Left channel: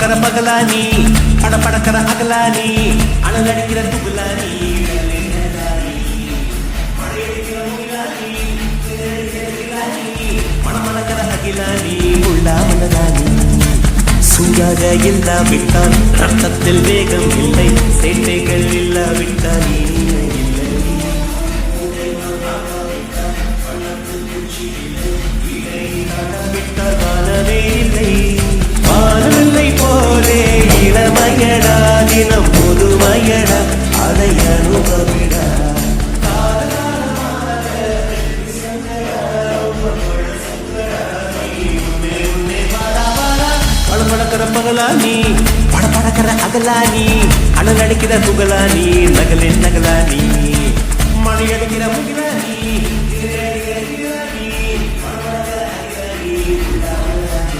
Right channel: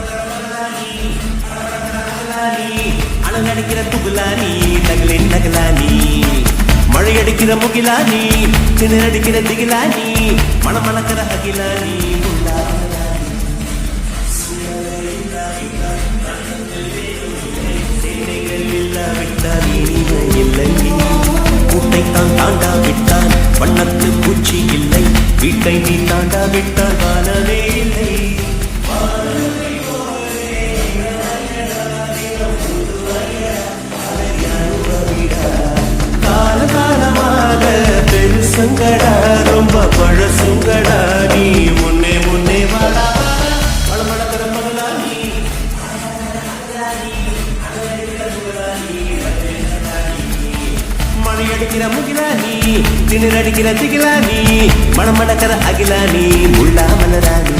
படபடக்கிற பகலானி படபடக்கிற அகலானி அழகடிக்கிற துகுலானி நகலின் நகலானி மழையடிக்கிற முகிலானி திணறடிக்கிற திகிலானி மணமணக்கிற அகிலானி உள்ளா மனதானி சூடாக இல்லாவிட்டால் ரத்தத்தில் வேகம் இல்லை சேட்டைகள் இல்லாவிட்டால் இனிமை இல்லை கூட்டைத்தான் தாண்டாவிட்டால் வண்ணத்து பூச்சி இல்லை வீட்டை நீ தாண்டாவிட்டால் வானமே இல்லை வானமில்லை போலே இளமையடா தினம் முதுமையடா அதை அனுபவிடா கால காலமாக பெருசுங்கடா ரொம்ப பழசுங்கடா நீ முன்னே முன்னே வாடா வாடா பழப்பழக்கிற பகலானி படப்படக்கிற அகலானி அனலடிக்கிற புகழானி நகலின் நகலானி மழையடிக்கிற முகிலானி திணறடிக்கிற திகிலானி மணமணக்கிற அகிலானி உள்ளா மலரானி